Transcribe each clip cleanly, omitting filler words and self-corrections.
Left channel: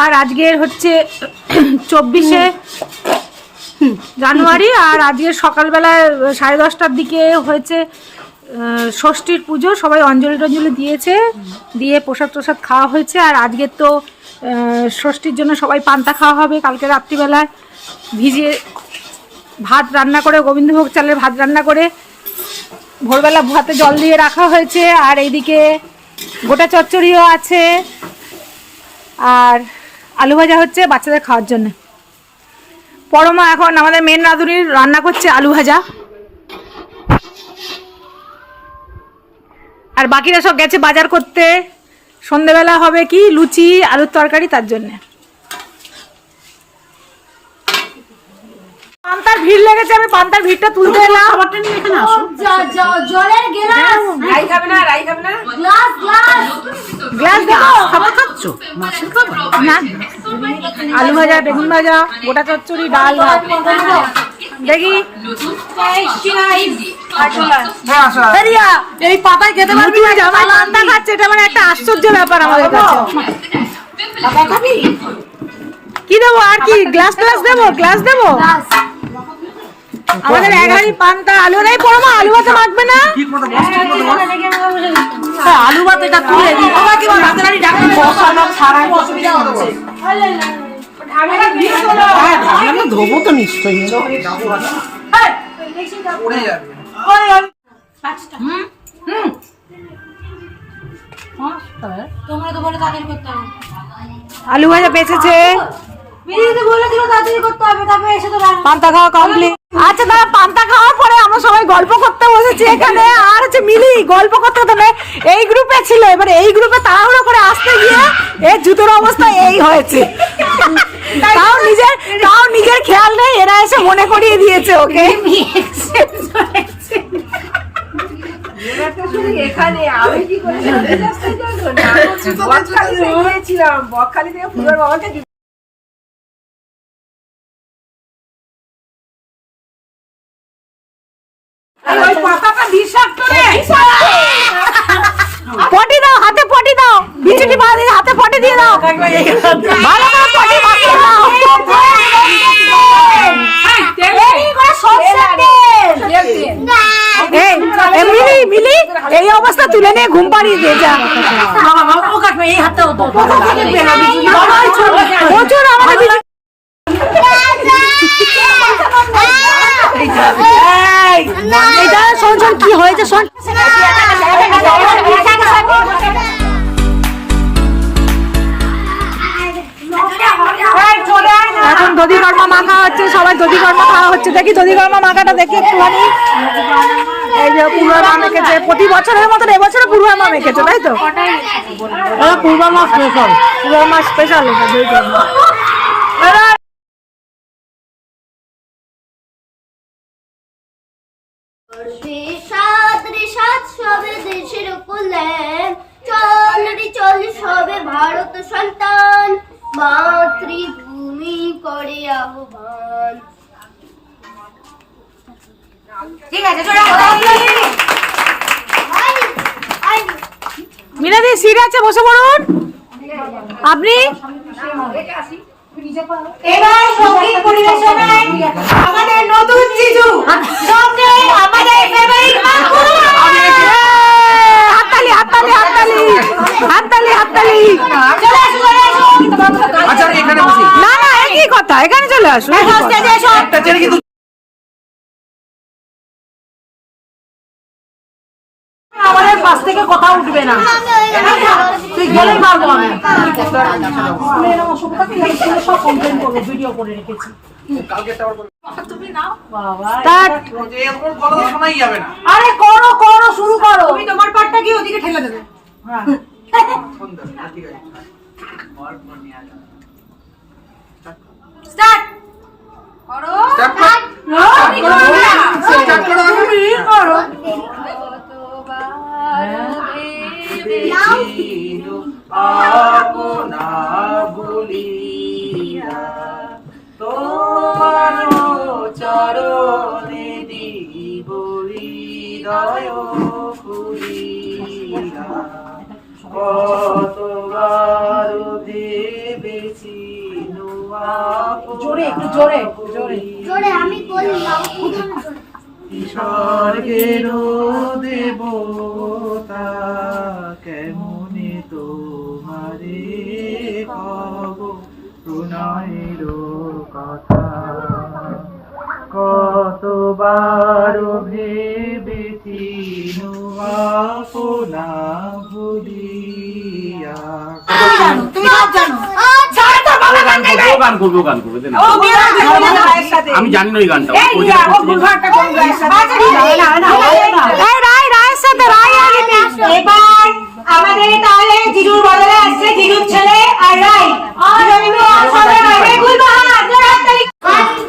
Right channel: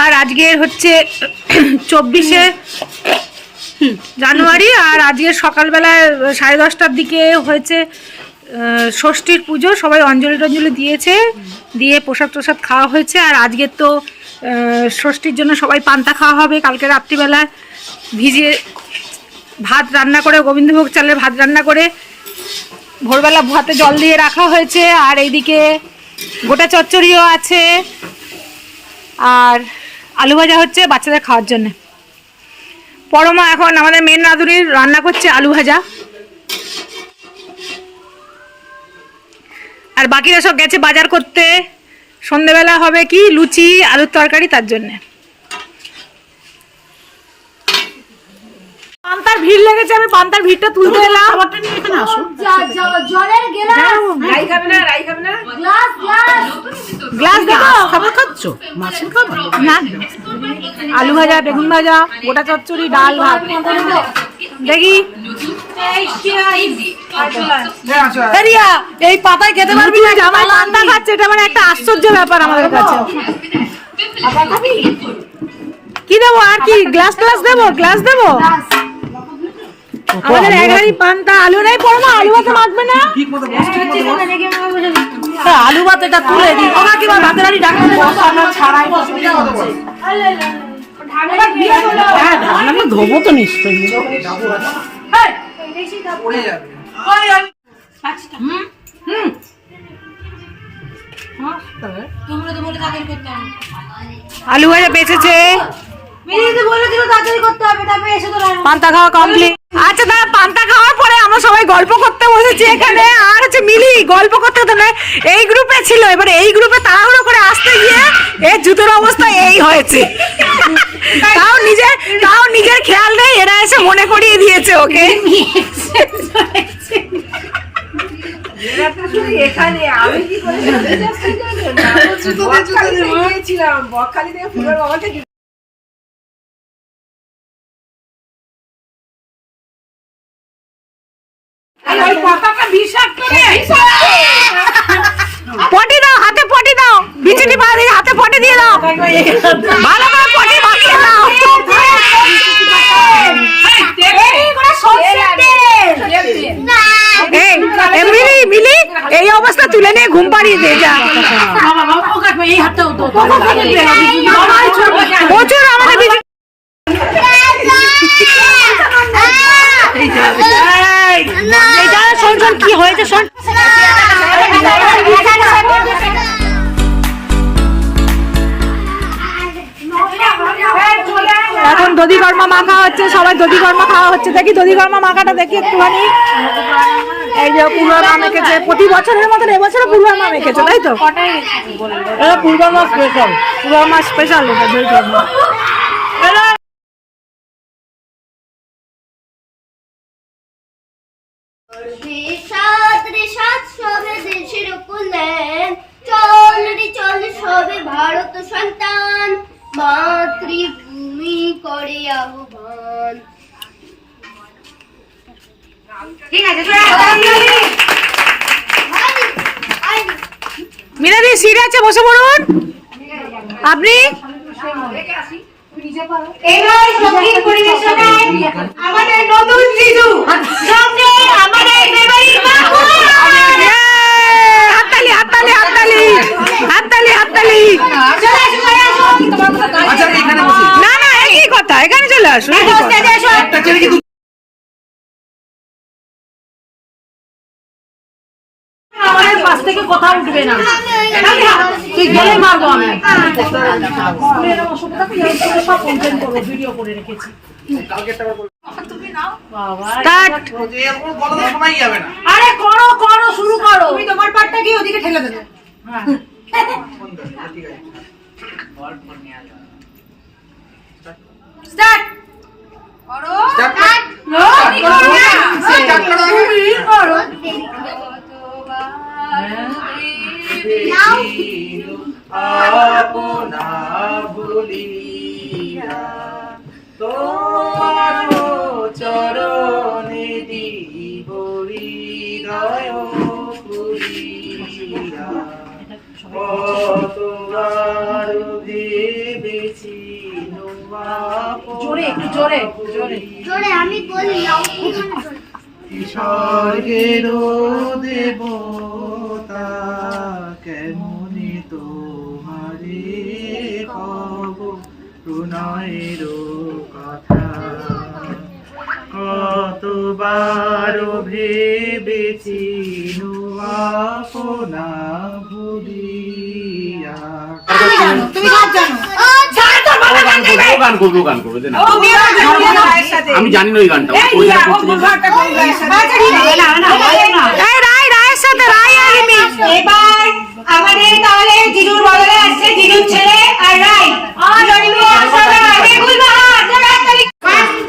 আর আজকের হচ্ছে 24শে জানুয়ারি। আর আজকে সকালবেলায় 10:30টার দিকে হয়েছে ষষ্ঠীর পুজো। সবাই অঞ্জলি টঞ্জলি দিয়েছে, দিয়ে প্রসাদ প্রসাদ খাওয়া হয়েছে। আর আজকের তো ষষ্ঠীর জন্য সবাই পান্তা খাওয়া হবে। কালকে রাত্রিবেলায় ভিজিয়ে ভাত রান্না করে, গোবিন্দভোগ চালের ভাত রান্না করে ভোরবেলা ভাতে জল দিয়ে রাখা হয়েছে। আর এইদিকে গোটা চচ্চড়িও আছে, আর আলু ভাজা হচ্ছে বাচ্চাদের খাওয়ার জন্য। পরমা এখন আমাদের মেন রাঁধুনির রান্না করছে আলু ভাজা, আর বাকিরা সব গেছে বাজার করতে। সন্ধেবেলা হবে কি লুচি আলুর তরকারি, তার জন্যে। পান্তার ভিড় লেগেছে, আমি পান্তার ভিড়টা তুলতে এলাম। গ্লাস দেবো? না, আলু ভাজা, বেগুন ভাজা, গোটা চচ্চড়ি, ডাল, ভাত। দেখি এই পাতায় খেতে পারবি? জামাই পান্তা খাচ্ছে, এটা মানে একটা আশ্চর্য ব্যাপার আমাদের কাছে। কি দেবো আর কি? গ্লাস গ্লাস দেবো? গ্লাস দেবো? আমাদের এক হাঁড়ি পান্তা। আলু নেই পরমা? আলু ভাতে মাখবে না? আলু ভাতে এটা তুলে দিই। তোরা কি ভাতের হাঁড়ি ঢাকতে ছাড়াই অসুবিধা হচ্ছে। হ্যাঁ, ঢাকনা ধোবো তো নিশ্চয়ই। পড়ে যাবে। আলু ভাজা বেঁচেছে, পান্তা খাওয়া কমপ্লিট। আচ্ছা দাদা, পান্তা খাওয়ার পরে আমরা সবাই গল্প করতে বসেছি এখানে। আর হচ্ছে মিলি গল্প করতে হতো না, এই গ্রুপে ছিল। এবারে এই গ্রুপে তাড়াহুড়ো করে আসতে গিয়ে এর জুতোর অবস্থা এই হয়েছে। তাও নিজের খেয়াল নেই, এরা এসে মনে করিয়ে দিয়েছে ওকে। পটি দাও, হাতে পটি দাও, বিচুটি বাঁধি হাতে পটি দিয়ে দাও, ভালো করে পটি মাখিয়ে দাও। মিলি মিলি এই অবস্থা তুলে নিয়ে ঘুম পাড়িয়ে দিয়ে যা। প্রচুর আমাদের শোন শোন কি হয়েছে শোন। এখন দধি কর্মা মাখা হচ্ছে, সবাই দধি কর্মা খাওয়া হচ্ছে। দেখি দধি কর্মা মাখাটা দেখি একটুখানি। এই যে পূর্বা মা মেখেছে, প্রতি বছরের মতন এবছরও পূর্বা মা মেখেছে, তাই তো? পূর্বা মা স্পেশাল, পূর্বা মা স্পেশাল এটা দধি কর্মা। ভারত সন্তান মাতৃভূমি করে আহ্বান। ঠিক আছে, মিনাদি সিট আছে, বসে পড়ুন আপনি। এবার সঙ্গীত পরিবেশনায় আমাদের নতুন জিজু, সঙ্গে আমাদের ফেভারিট মাকু। হাততালি হাততালি হাততালি হাততালি হাততালি। না না, একই কথা, এখানে চলে আসুন। আমাদের পাশ থেকে কথা উঠবে না, ঠিক গেলেই মারবো আমি। সব কমপ্লেন করবো, ভিডিও করে রেখেছি। আরে করো করো, শুরু করো। তুমি তোমার পার্টটা কি ওদিকে ঠেলে দেবে। স্টার্ট করো, স্টার্ট করো। আপনা বলিয়া তোমার চরণে দিব হৃদয় খুলিয়া, কতবার ভেবেছি জোরে একটু জোরে জোরে জোরে আমি বলি স্বর্গের দেবতা কেমনে তোমারে কব প্রণয়ের কথা কতবার ভেবেছি আপনা ভুলিয়া তুমি গান জানো গান করবে দেন। আমি জানি না ওই গানটা ওই জায়গা এই রায়ের সাথে রায় আর রিমি। এবার আমাদের তাহলে জিজুর বদলে আসছে জিজুর ছেলে আর রাই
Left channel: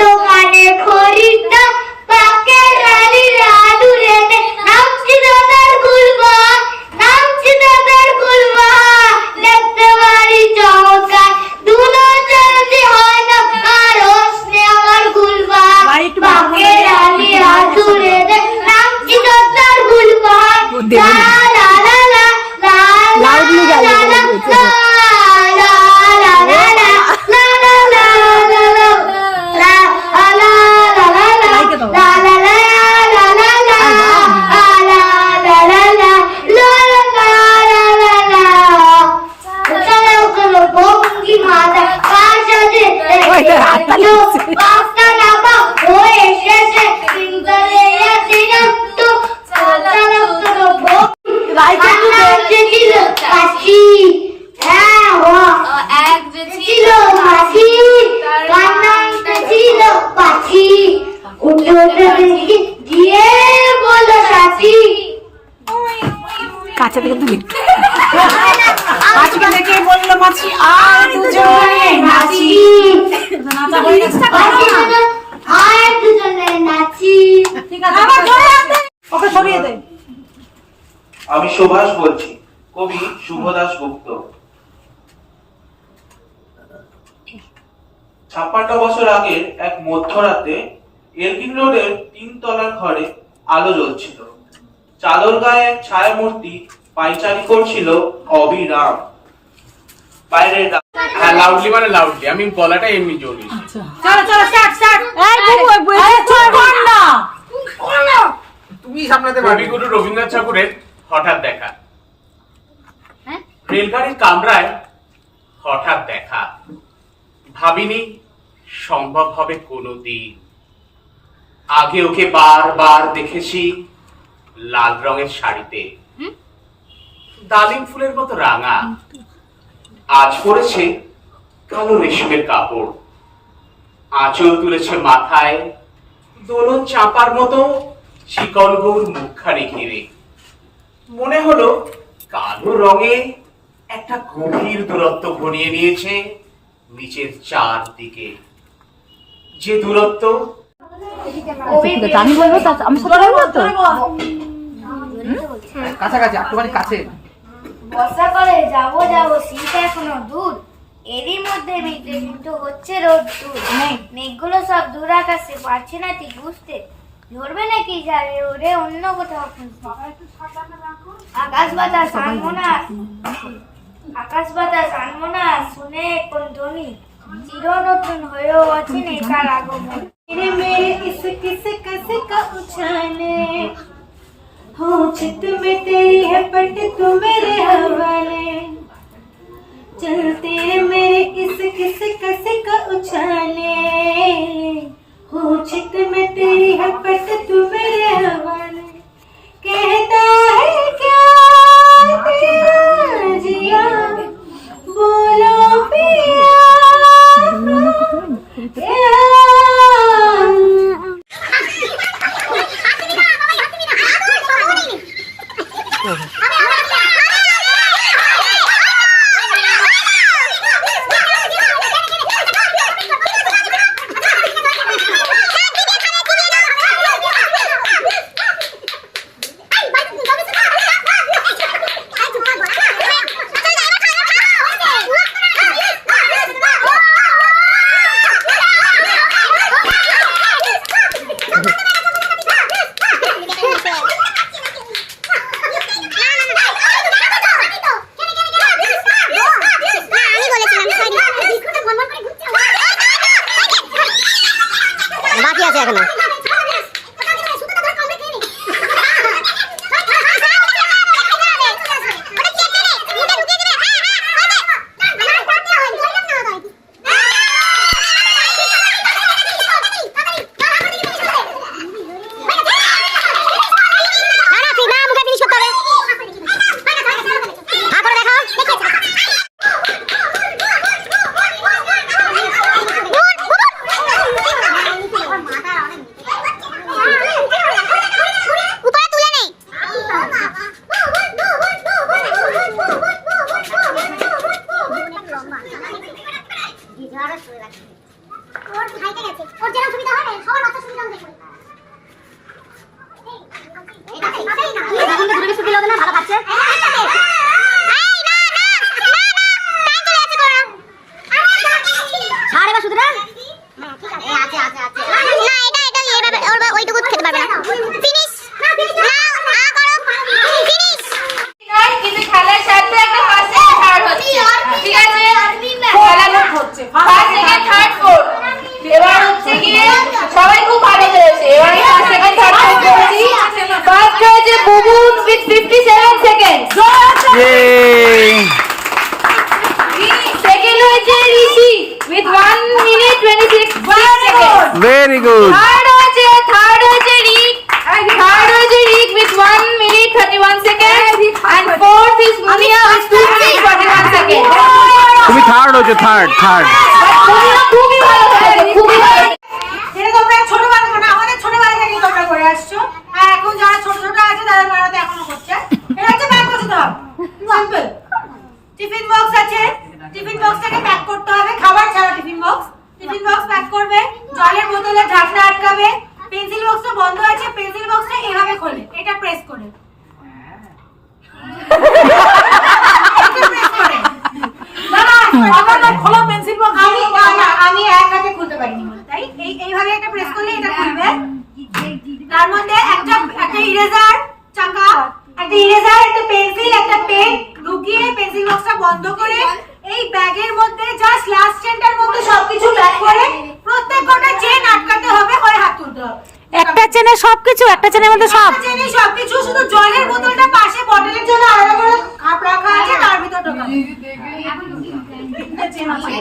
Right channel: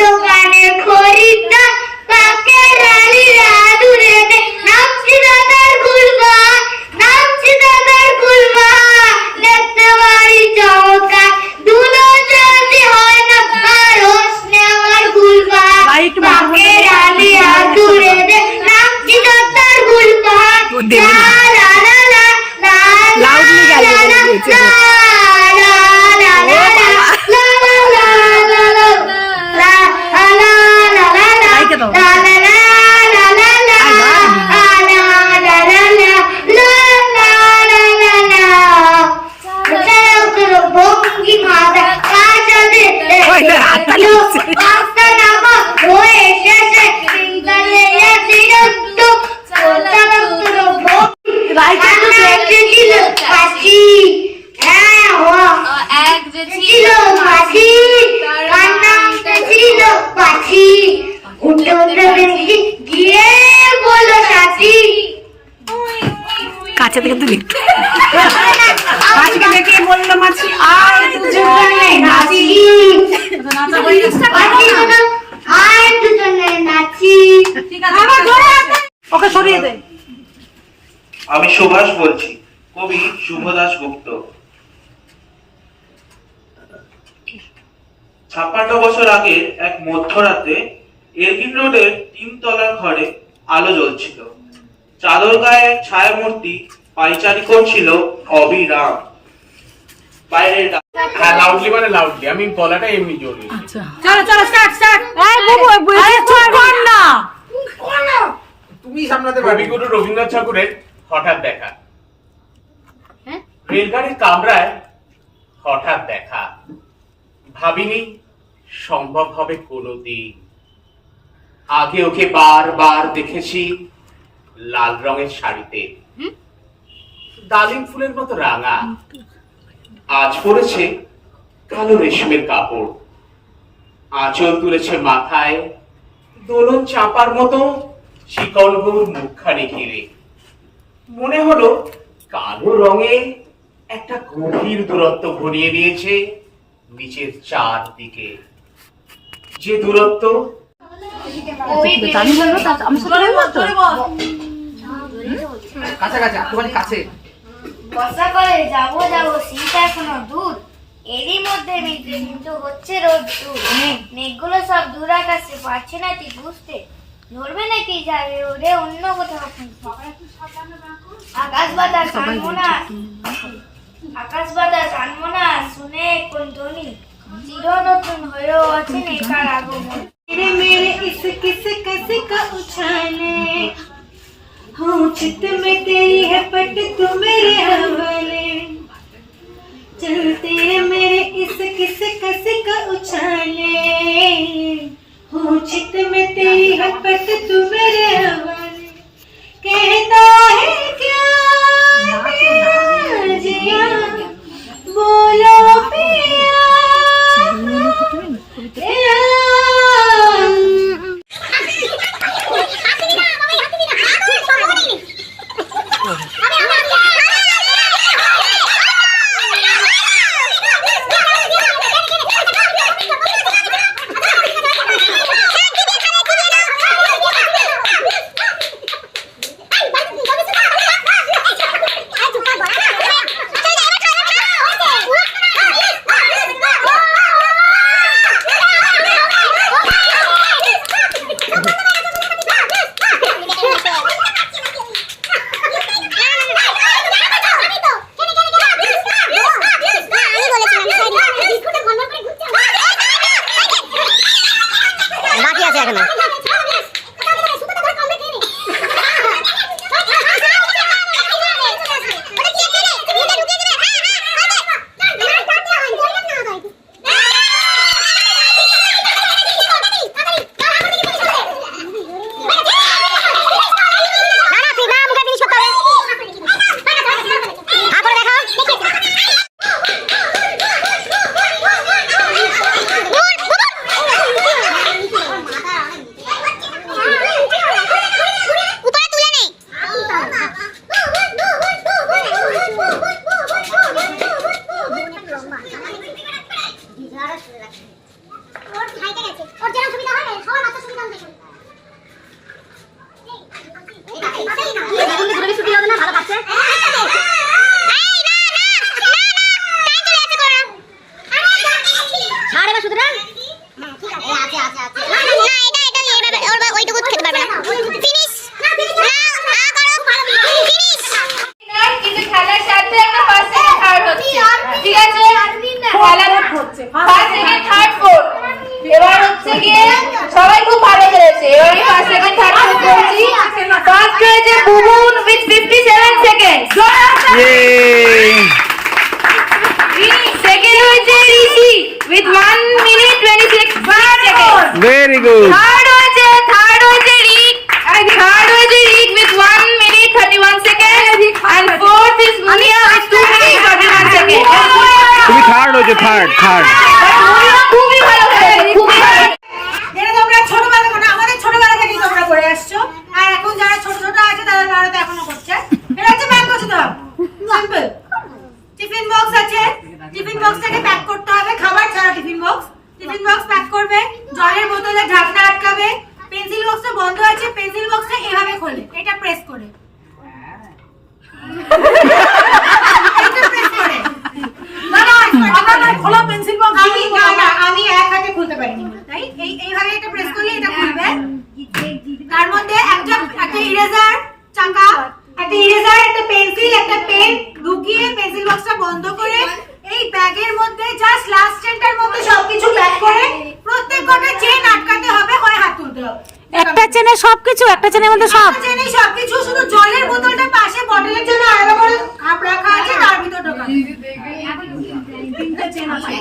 দোকানে খরিদ্দার তাকে রালি রাদুরে নামছি দাদার গুলবা দেখতে বাড়ি চমৎকার দুলো চলতে হয় না কারো আমার গুলবা তাকে রালি রাদুরে নামছি দাদার গুলবা লা লা লা লা লাউডলি গাইবে বলে দিয়েছে কাছে থেকে তুলি ওকে সরিয়ে দে। আমি সুভাষ বলছি, কবি শুভদাস গুপ্ত। 56 বছর আগে এক মধ্যরাতে এরগিন রোডের 3 তলার ঘরে আলো জ্বলছিল। চাদর গায়ে এক ছায়ামূর্তি পাইচারি করছিল অবিরাম। বাইরের হ্যাঁ লাউডলি মানে লাউডলি, আমি গলাটা এমনি জোর দিয়েছি। চলো চলো স্টার্ট স্টার্ট। এই বুবু কর না তুমি সামলাতে পারবে। কবিগুরু রবীন্দ্রনাথ ঠাকুরের হঠাৎ দেখা। রেলগাড়ির কামরায় হঠাৎ দেখা, ভাবিনি সম্ভব হবে কোনোদিন। আগে ওকে বারবার দেখেছি লাল রঙের শাড়িতে, ডালিম ফুলের মতো রাঙা। আজ পরেছে কালো রেশমের কাপড়, আঁচল তুলেছে মাথায়, দোলন চাপার মতো চিকন গৌর মুখখানি ঘিরে। মনে হলো কালো রঙে একটা গভীর দূরত্ব ঘনিয়ে নিয়েছে নিচের চারদিকে, যে দূরত্ব কাছাকাছি একটুখানি কাছে। বর্ষা করে যাবো শীত এখনো দূর, এরই মধ্যে মেঘের মতো হচ্ছে রোদ দূর। মেঘগুলো সব দূর আকাশে, পারছে না ঠিক বুঝতে ধরবে নাকি যাবে ওরে অন্য কোথাও খুঁজতে। আকাশ বাতাস আনবো না শুনে কোন ধ্বনি, চির নতুন হয়েও আছে নেকার আগমন। मेरे इस किस कस का उछाले हूँ चित में तेरी है पट तू मेरे हवाले, चलते मेरे इस किस कस का उछाले हूँ चित में तेरी है पट तू मेरे हवाले। कहता है क्या तेरा जिया बोलो पिया এখনো। কিন্তু খেলার সাথে একটা ফার্স্ট সেকেন্ড থার্ড হচ্ছে, ঠিক আছে? ফার্স্ট সেকেন্ড থার্ড ফোর্থ, এবার হচ্ছে গিয়ে সবাই খুব ভালো খেলেছে। এবারে ফার্স্ট সেকেন্ড থার্ড ফোর্থ করেছি। ফার্স্ট হয়েছে বুবুন উইথ 57 সেকেন্ড, সেকেন্ড হয়েছে Rishi with 1 minute 26 second. Very good. Third হয়েছে Rik with 1 minute 31 seconds and fourth is Munia with 2 minutes 41 seconds. তুমি থার্ড হয়েছে, থার্ড। But Munia খুবই ভালো খেলেছে, খুবই ভালো। যেটা তোমরা ছোটবেলা করে আমাদের ছোটবেলা থেকেই তোমরা করে আসছো, আর এখন যারা ছোট ছোট আছে তাদের মেয়েরা তো এখনো করছে। এটা হচ্ছে ব্যাক করতে দাও, সিম্পল। টিফিন বক্স আছে, টিফিন বক্সটাকে প্যাক করতে হবে, খাবার ছাড়া টিফিন বক্স প্যাক করবে, জলের বোতলে ঢাকনা আটকাবে, পেন্সিল বক্সটা বন্ধ আছে, পেন্সিল বক্সটা এভাবে খোলে, এটা প্রেস করে আমি এক হাতে খুলতে পারিনি, তাই এইভাবে একটা প্রেস করলে এটা খুলবে। তার মধ্যে একটা ইরেজার চাকা, একটা ইরেজার, একটা পেন্সিল, একটা পেন ঢুকিয়ে পেন্সিল বক্সটা বন্ধ করে এই ব্যাগের মধ্যে জাস্ট লাস্ট চেনটার মধ্যে সবকিছু প্যাক করে প্রত্যেক কটা চেন আটকাতে হবে, ওই হাত তুলতে হবে। একটা চেনে সবকিছু, একটা চেনের মধ্যে সব। একটা চেনে সবকিছু, শুধু জলের বোতলটা পাশে বটলের জন্য আলাদা করে খাপ রাখা আছে, তার ভিতর ঢোকাবে। তিনটা চেন আছে।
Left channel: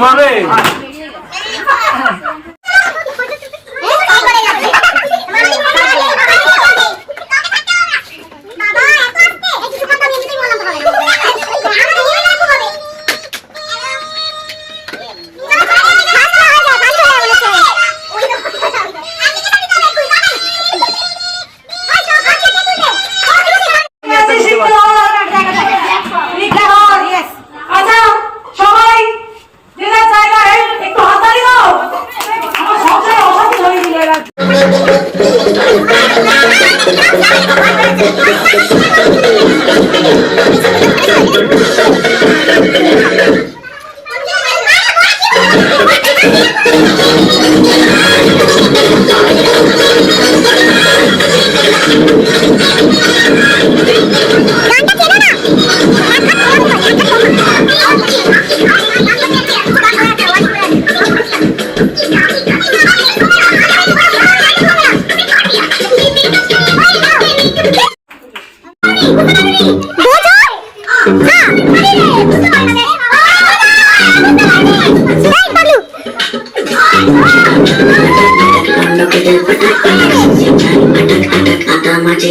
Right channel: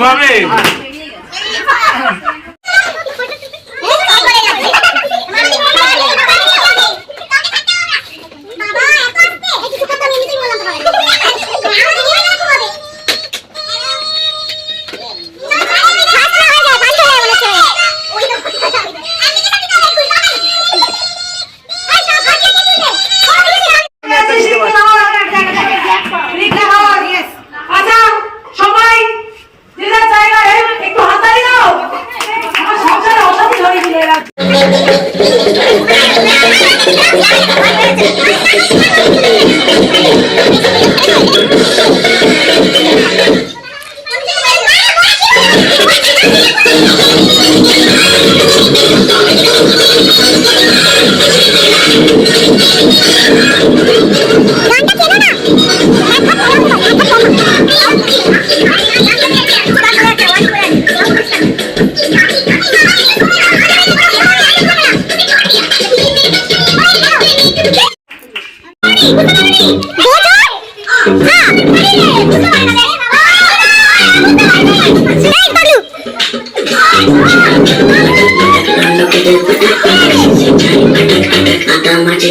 ঘুমাবে।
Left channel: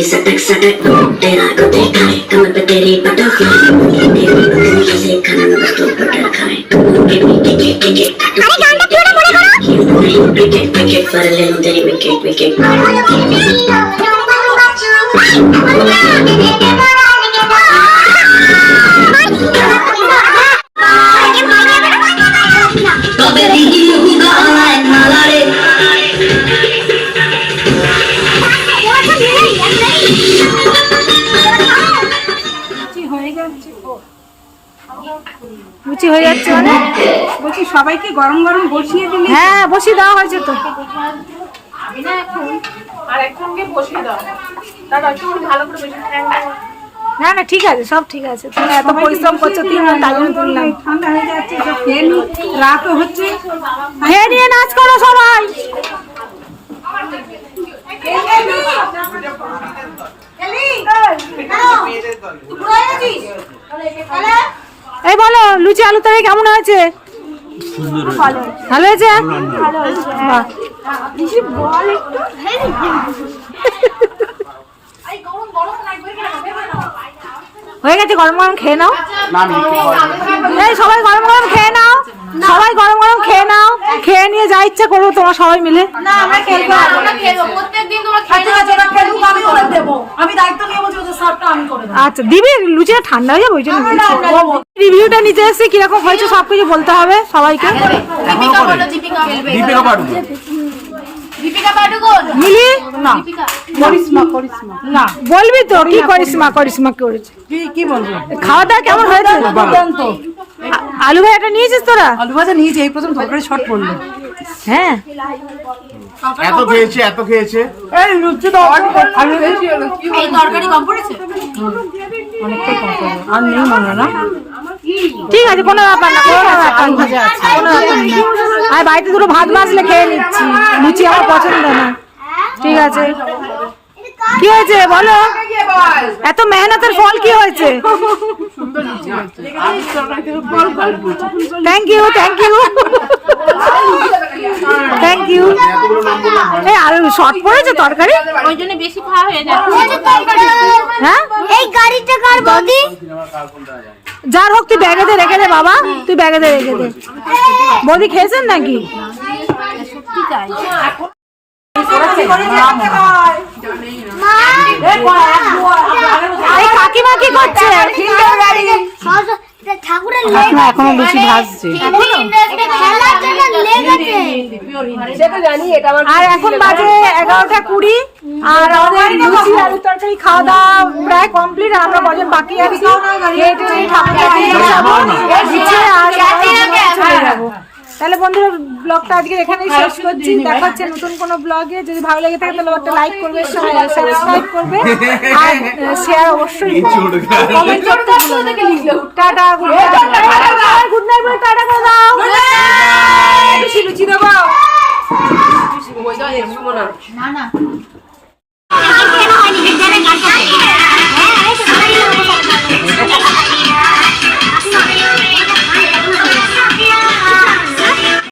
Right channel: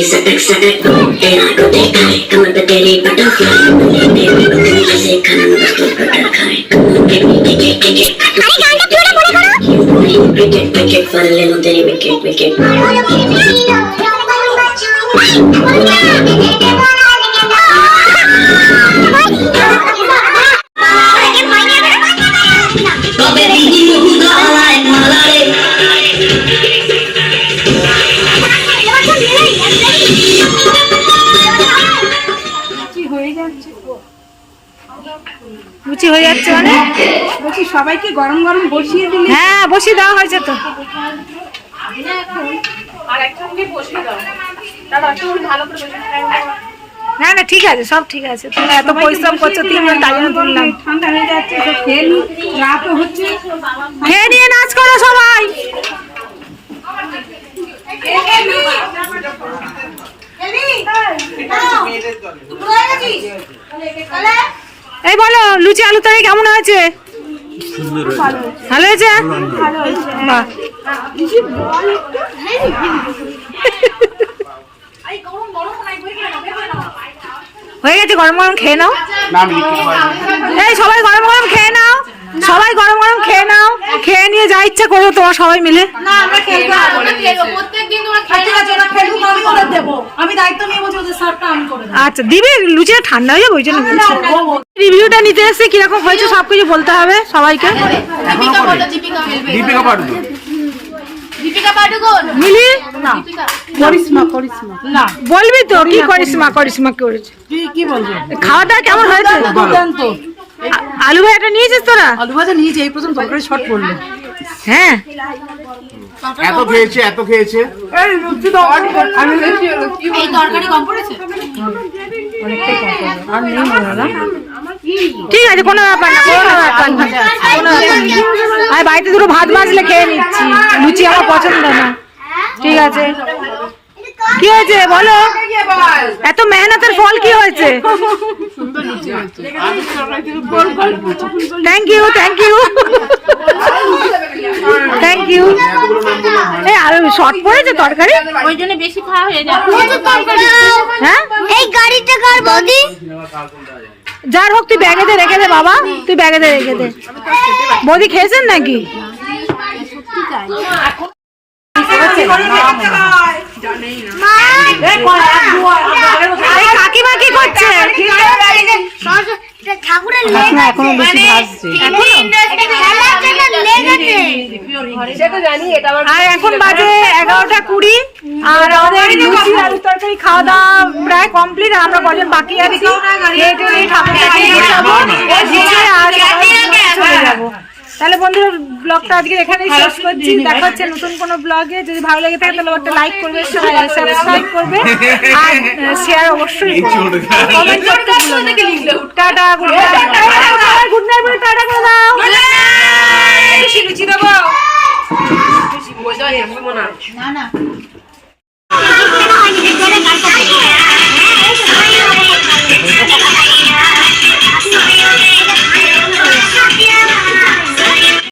सटक सटक तेरा को देखा है कमर पे तेरी बटरफ्लाई तेरी बटन जैसे खाना में बस तू बटर खाए अरे गाना पूरा बोले करो क्रिकेट क्रिकेट पर ले लो तेरी विकेट विकेट লুচি হয়ে যাচ্ছে মানে বলছি সবাইকে গরম গরম বসিয়ে দিলে হ্যাঁ বসিয়ে দেওয়া হয়েছে তো। না না ঠিক আছে, সব ঠিক আছে। তুমি এত পরিশ্রম করছো, 3 জন তাই জন্য তুললাম। ঠান্ডা হয়ে যাচ্ছে, খেয়ে নি, রাতও হচ্ছে। খেয়ে নিয়ে নাচ করো সবাই। এই বলো লুচি আলু তরকারি কেমন হয়েছে? ভালো হয়েছে। বাহ। হয়ে গেছে, গরম গরম খেয়ে নাও। এই সবাই গরম গরম খেয়ে নাও, সবাই গরম গরম খেয়ে নাও, খেয়ে নিয়ে যা ইচ্ছা করো তোমার সবাই মিলে। আচ্ছা দিবি, লুচিটা ঠান্ডা হয়ে যাবে ওই জন্য বলছি। রিভিউটা নিতে এসে কিরকম হয়েছে সবকিছু বলতে হবে সবাইকে। দীপিকা বলো, দীপিকা দীপিকা পাডুকোন। দীপিকা পাডুকোন মিলি করিশ্মা করিশ্মা না বলবি তো কি করিশ্মা করিশ্মা করেছে। কি বলবো? খাওয়া দাওয়া কেমন হয়েছে? দুর্দান্ত। আলু ভাজাটা নিয়েছিস তোরা? আলু ভাজা নিয়েছি, এই প্রথম তরকারি শর্ট পড়লো। হ্যাঁ এত খেয়েছে এত খেয়েছে। এই লুচি তো আমি বেশি হলো। এই তরকারি কম পড়েছে। আর নেই মনে না। ঠিক আছে, কোনো ব্যাপার না, কোনো ব্যাপার না, কোনো ব্যাপার না। আর বাড়িতে দুটো ভাত ভাজলে খেয়ে নিচ্ছি, লুচি আমার পছন্দ না। ঠিক আছে, কি হয়েছে বলো? এত মেহনতের ফল কি হয়েছে? Thank you thank you thank you. এই আর শর্ট পড়েছে তরকারি, ওই জন্য বেশি খাওয়া হয়ে যায়। হ্যাঁ এই গাড়িটা কার বগি? যার হোক তুই ব্যাগেতে রেখে দে বাবা, তুই ব্যাগেতে রেখে দে। বৌদি খেয়েছেন নাকি? এই কাকিমা কি করছে? ঠাকুরের এখনো বেশি ভাজছে। আর এখন বাজে 11টা 20 আর আমাদের লুচি আলু তরকারি খাওয়া দাওয়া প্রায় কমপ্লিট। আমরা কজন বাকি আছি, খেয়ে টেয়ে ঠাকুর কাছে যাবো আর চলে যাবো। তাহলে বন্ধুরা ব্লগটা আজকে এখানেই শেষ করছি। দেখা হচ্ছে নতুন কোনো ব্লগে। যদি ভালো লেগে থাকে তাহলে একটা লাইক করবে, সাবস্ক্রাইব করবে আর শেয়ার অবশ্যই করবে। কমেন্ট করতে ভুলো না। Tata, good night. Good night বলে টাটা করে দাও। লুচি দেবো না না